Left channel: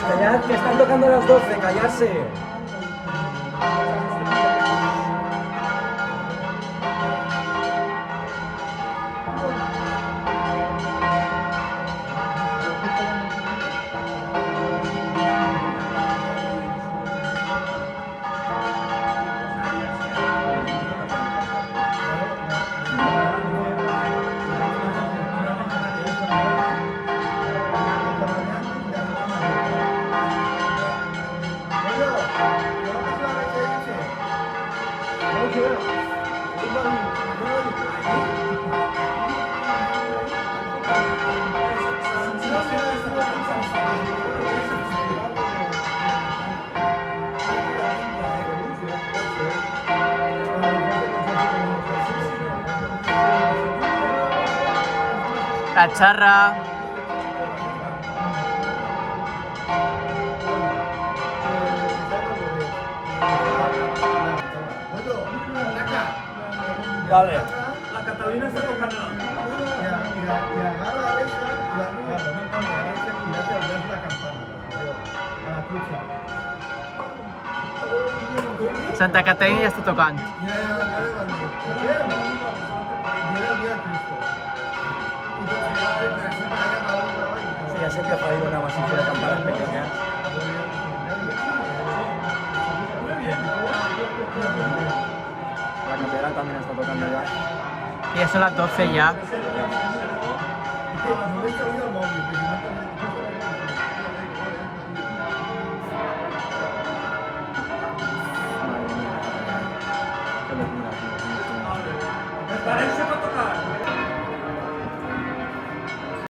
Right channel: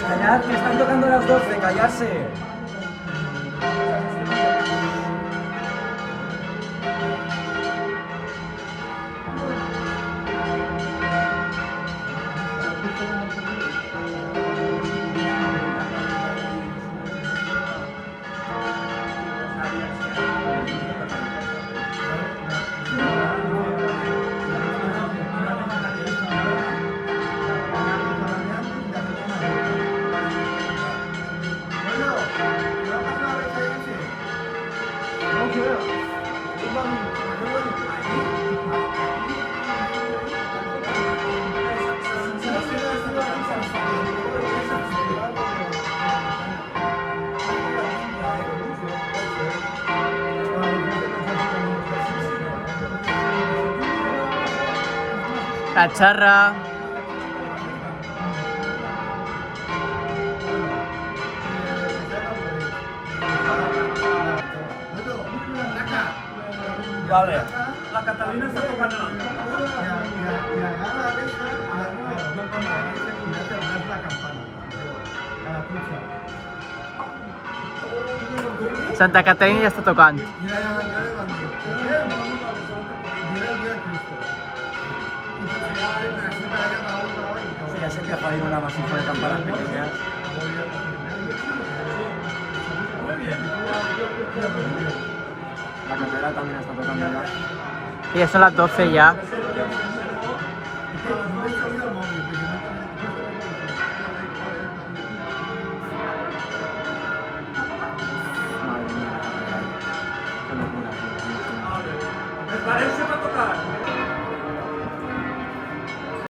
Callad, que están tocando las 12, callarse. La charra. Vale. La Catalina está tocando. Santa Caterina ya está tocando. Sí, ya se empieza a ir una masiva de campanas pequeñas. La catedral también está tocando ya. Y ya son las 12 ya. Parece para tocar.